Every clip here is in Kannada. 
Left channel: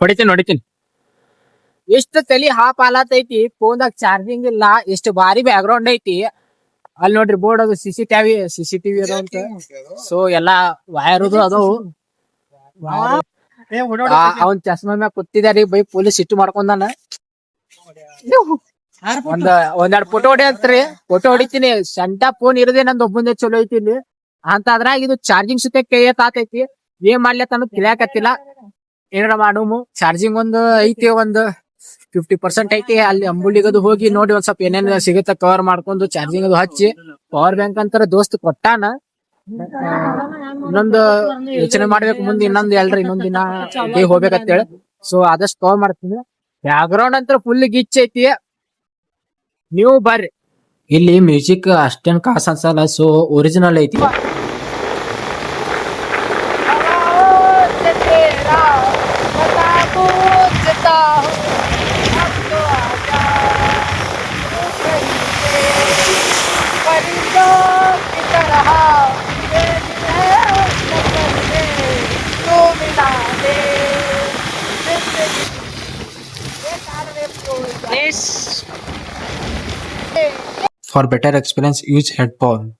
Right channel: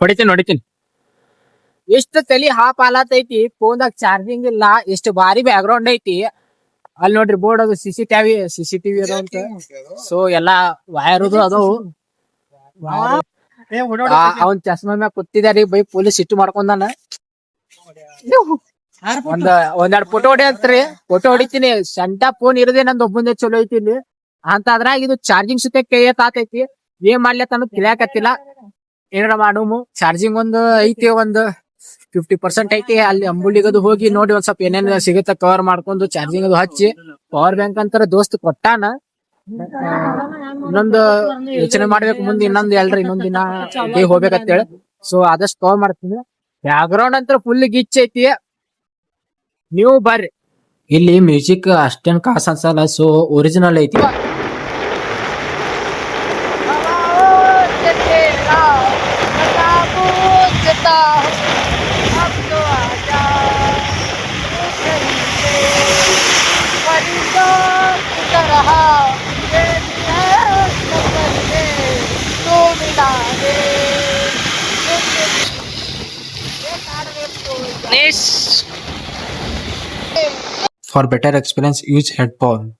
ಹೊಡಿತೀನಿ ಎಷ್ಟು ತಲಿ ಹಾಪ್ ಆಲತೈತಿ ಫೋನ್ದಾಗ ಚಾರ್ಜಿಂಗ್ ಇಲ್ಲ ಎಷ್ಟು ಭಾರಿ ಬ್ಯಾಕ್ ಗ್ರೌಂಡ್ ಐತಿ ಅಲ್ಲಿ ನೋಡ್ರಿ ಬೋರ್ಡ್ ಅದು ಸಿಸಿಟಿವಿ ಅದ ಅಂತ ಸೊ ಎಲ್ಲಾ ವೈರ್ ಅದಾವು ಅವನ್ ಚಸ್ಮಾ ಮ್ಯಾಗ ಕೂತಿದಾರಿ ಬೈ ಪೊಲೀಸ್ ಸಿಟ್ಟು ಮಾಡ್ಕೊಂಡಾನ ಒಂದೆರಡು ಫೋಟೋ ಹೊಡಿಯತ್ರಿ ಫೋಟೋ ಹೊಡಿತೀನಿ ಸಂಟ ಫೋನ್ ಇರದೆ ನಂದು ಒಬ್ಬಂದೇ ಚಲೋ ಐತಿ ಇಲ್ಲಿ ಅಂತ ಅದ್ರಾಗ ಇದು ಚಾರ್ಜಿಂಗ್ ಸುತ್ತ ಕೈ ಆತೈತಿ ಏನ್ ಮಾಡ್ಲತ್ತ ಅನ್ನೋದು ತಿಳಿಯಾಕತ್ತಿಲ್ಲ ಏನಾರ ಮಾಡೋಮು ಚಾರ್ಜಿಂಗ್ ಒಂದು ಐತಿ ಒಂದು 50% ಐತಿ ಅಲ್ಲಿ ಅಂಬುಲಿಗದು ಹೋಗಿ ನೋಡಿ ಒಂದ್ ಸ್ವಲ್ಪ ಏನೇನ್ ಸಿಗುತ್ತ ಕವರ್ ಮಾಡ್ಕೊಂಡು ಚಾರ್ಜಿಂಗ್ ಅದು ಹಚ್ಚಿ ಪವರ್ ಬ್ಯಾಂಕ್ ಅಂತಾರ ದೋಸ್ತ್ ಕೊಟ್ಟಾನ ಇನ್ನೊಂದು ಯೋಚನೆ ಮಾಡ್ಬೇಕು ಮುಂದೆ ಇನ್ನೊಂದ್ ದಿನ ಹೋಗ್ಬೇಕಂತೇಳಿ ಸೊ ಆದಷ್ಟು ಕವರ್ ಮಾಡ್ತೀನಿ ಬ್ಯಾಕ್ ಗ್ರೌಂಡ್ ಅಂತ ಫುಲ್ ಗಿಚ್ ಐತಿ ನೀವು ಬರ್ರಿ ಇಲ್ಲಿ ಮ್ಯೂಸಿಕ್ ಅಷ್ಟೇನ್ ಕಾಸ್ ಅನ್ಸಲ್ಲ ಸೊ ಒರಿಜಿನಲ್ ಐತಿ For better experience, use headphone.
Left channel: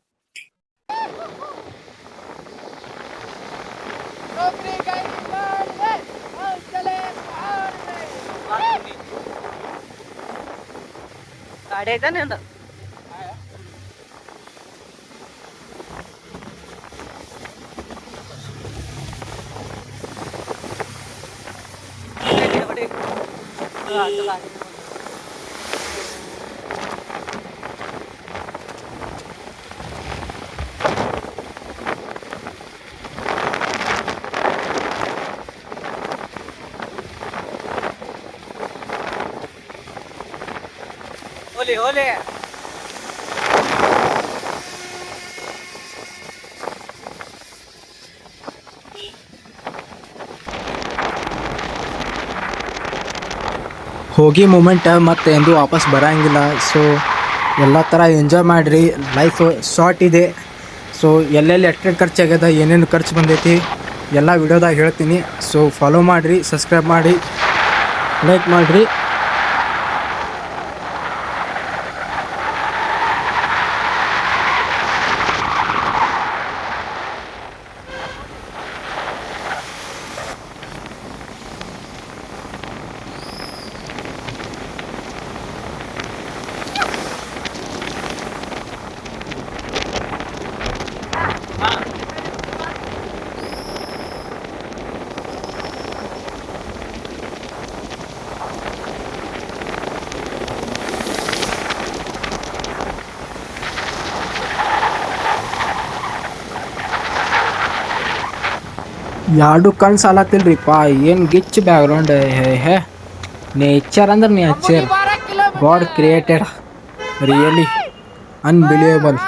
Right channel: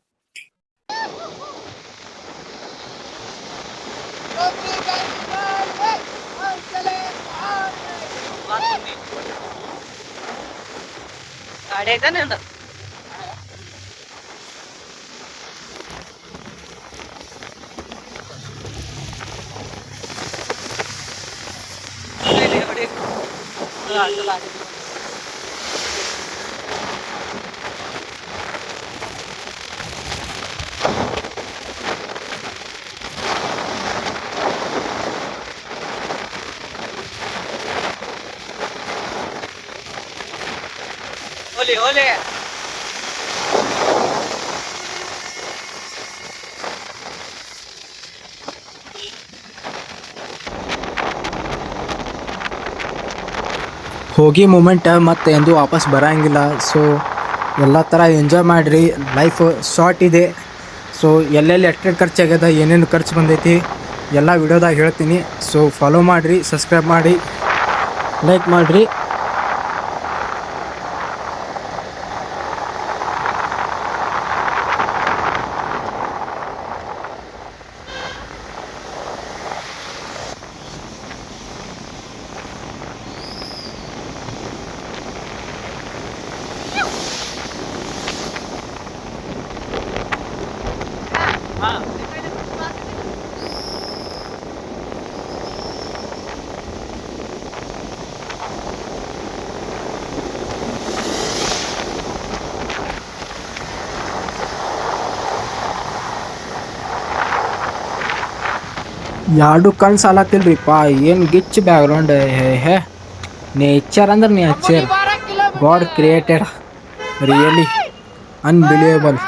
Ole. ಹೋಗಿ ಮೂಮೆಂಟ್ ಮತ್ತೆ ಎಂದು ವಾಪಸ್ ಬರಂಗಿಲ್ಲ ಸೊ ಎಲ್ಲ ಥರ ಎಂಜಾಯ್ ಮಾಡಿರಿ ಲೈಫ್ ಶಾರ್ಟ್ ಇದೆ ಸೊ ಎಲ್ಲೆಲ್ಲಿ ಎಷ್ಟೆಷ್ಟು ಖರ್ಚಾಗ್ಯದ ಏನೇನು ಖರ್ಚು ಬಂದೈತಿ ಎಲ್ಲ ವಿಡಿಯೋದಾಗ ಹೇಳ್ತೀನಿ ಸೊ ಫಾಲೋ ಮಾಡಿರಿ ಸಬ್ಸ್ಕ್ರೈಬ್ ಮಾಡಿ ಲೈಕ್ ಮಾಡಿರಿ ಎರಡು ಕಣ್ಣು ಸಾಲತ್ತಿಲ್ರಿಪ್ಪ ಏನು ಗಿಚ್ ಬ್ಯಾಕ್ಗ್ರೌಂಡ್ ಹೇ ನೇಚರ್ ಅಂದ್ರೆ nature god created really unbelievable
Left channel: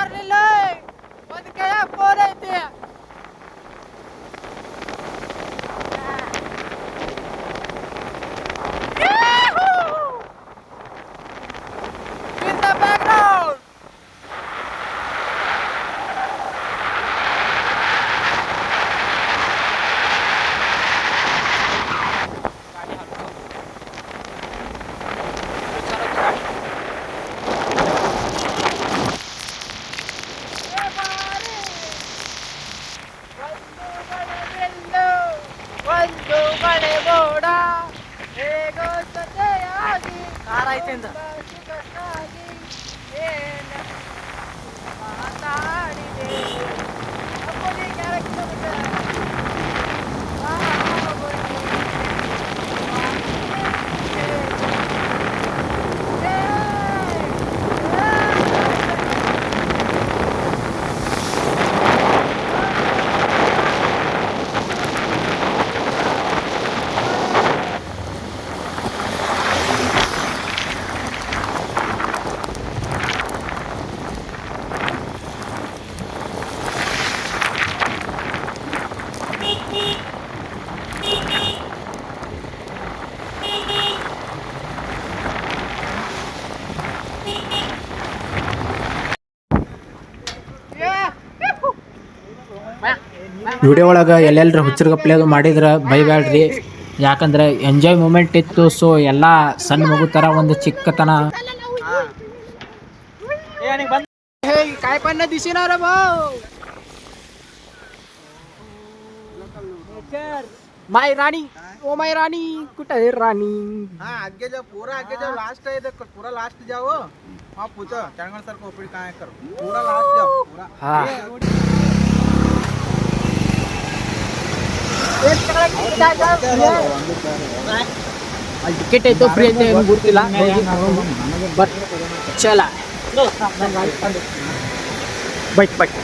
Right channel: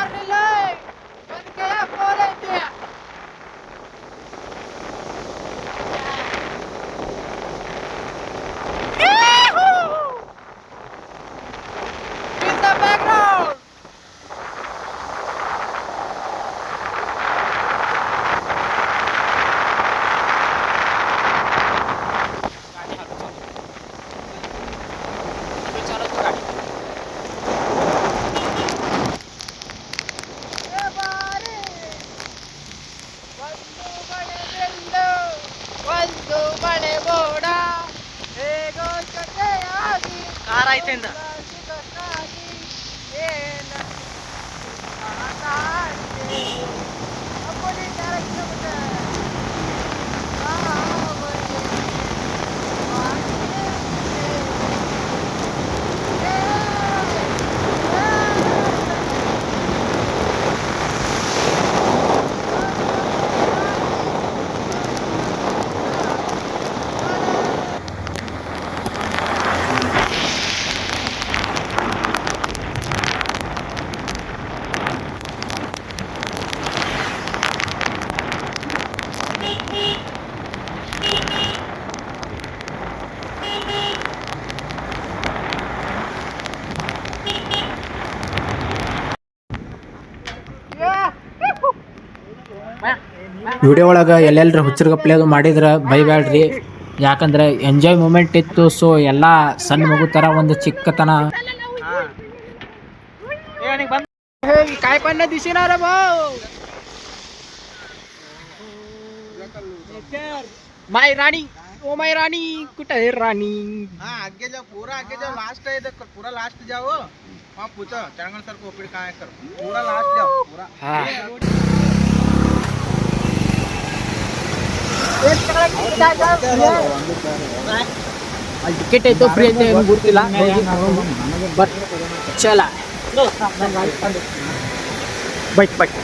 video ಒಳಗೆ ಎಲ್ಲೆಲ್ಲರ ಹುಚ್ಚರ್ಗಪ್ಲೆ ಅದು ಮಾಡಿದ್ರೆ ಬೈಬ್ಯಾಡ್ರಿ. ಯಾಕಂದ್ರೆ ಎಂಜಾಯ್ ಮೂಮೆಂಟ್ ಇತ್ತು. ಸೊ ಎಲ್ಲಾ ಸಣ್ಣ ಮಗು ತರ ಒಂದು ಚಿಕ್ಕತನ ಹೋಗಿ ಕಾಯ್ಪಣ್ಣ ದಿಸಿನಾರ माय रानी ओ माय रानी कुठे आहे राणी. हाँ आगे जाओ पूरा आगे जाओ लास्ट है इधर पूरा लास्ट जाओ हाँ पूछो चंगल सर को फिर कहाँ करो पूरा लास्ट जाओ पूरा हाँ ಟಿಕೆಟ್ ಐತೋ ಫ್ರೀ ಐತೆ ಏನು ಗೊತ್ತಿಲ್ಲ ಬಟ್ ಚಲ ಬೈಟ್ ಬೈಟ್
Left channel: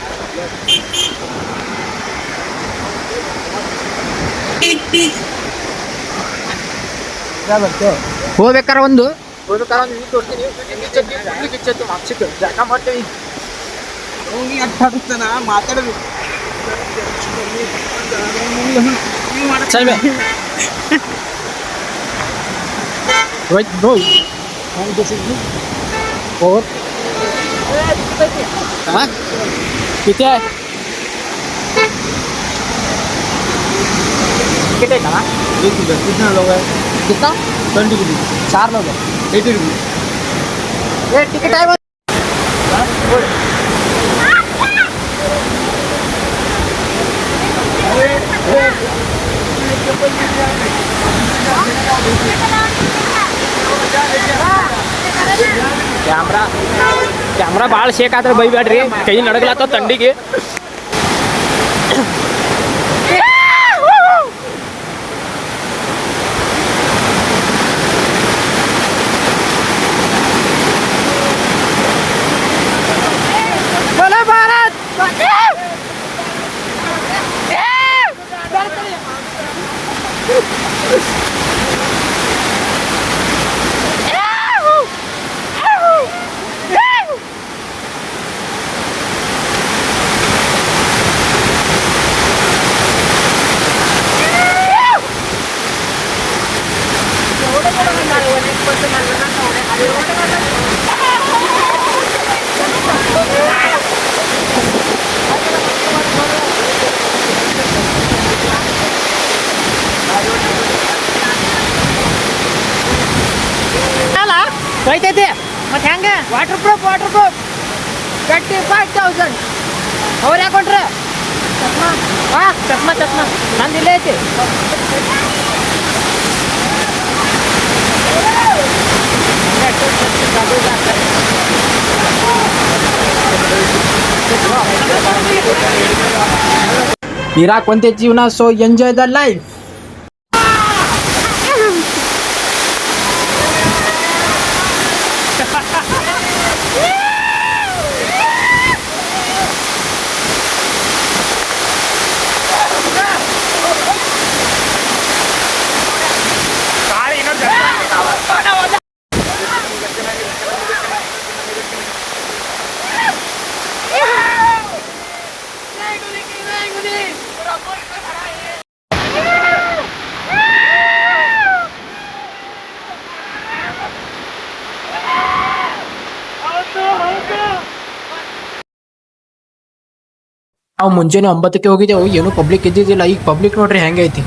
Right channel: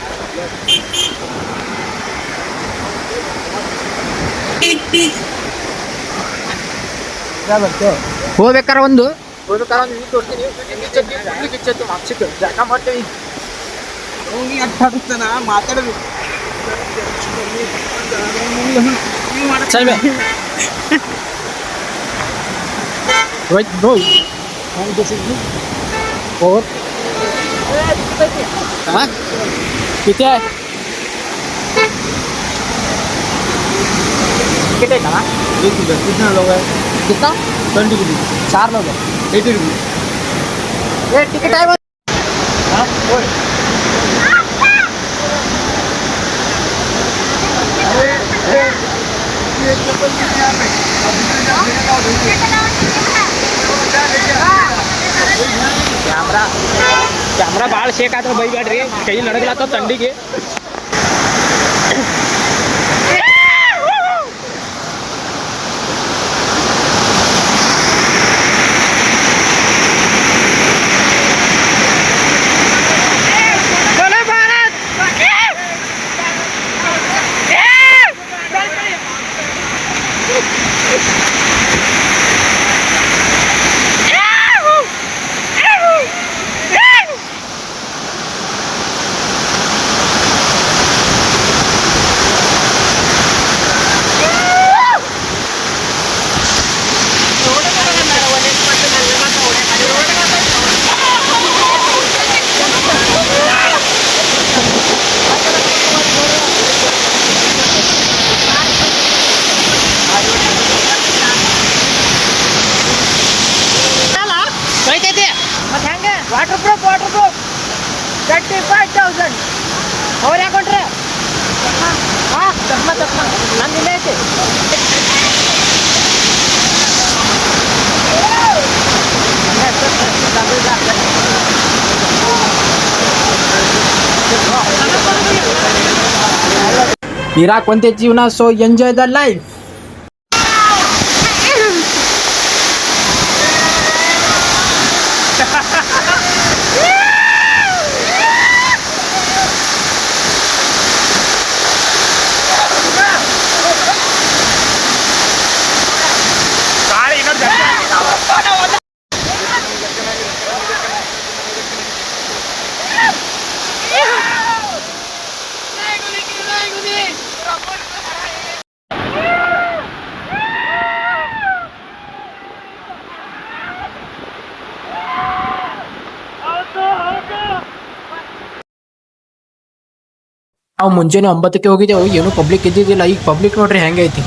ಹೋಗ್ಬೇಕಾರ ಒಂದು ಇದು ತೋರಿಸ್ತೀನಿ ಮಾರ್ಕ್ಸಿಟ್ಟು ಜಾಗ ಮಾಡ್ತೀವಿ ಹೋಗಿ ಅರ್ಥ ಆಗುತ್ತಾನ ಮಾತಾಡಬೇಕು ಸರಿ Right, bro. And this is me. Four. हाँ? कितने? कितने का ना? कितना लोग है कितना? 20 रुपीज 4 लोग हैं. 80 रुपीज ये टिकट आए बस. ಕ್ಯಾಮ್ರಾ ಭಾಳ ಶೇಕ್ ಆದ್ರೆ ಬೈಬೇಡ್ರಿ ಕೈ ನಡಗ್ಲಾತ ತಂಡಿಗೆ. ಬೈತೈತಿ ಮತ್ತೆ ಹೆಂಗ ವಾಟರ್ ಪ್ರೂಫ್ 35,000 ಅವ್ರು ಯಾಕೊಂಡ್ರೆ ಹಾಂ ಚಸ್ಮಾ ನಂದು ಇಲ್ಲೇ ಐತಿ. ಇರಾಕ್ ಒಂದೇ ಜೀವನ. So enjoy the life. ನಾವು ಮುಂಜಾನೆ 9ಕ್ಕೆ ಹೋಗಿದ್ದೆವು, ಏನು ಪಬ್ಲಿಕ್ ಇದ್ದಿದ್ದಿಲ್ಲ. ಈಗ ಪಬ್ಲಿಕ್ ನೋಡ್ರಿ ಹೆಂಗೈತಿ.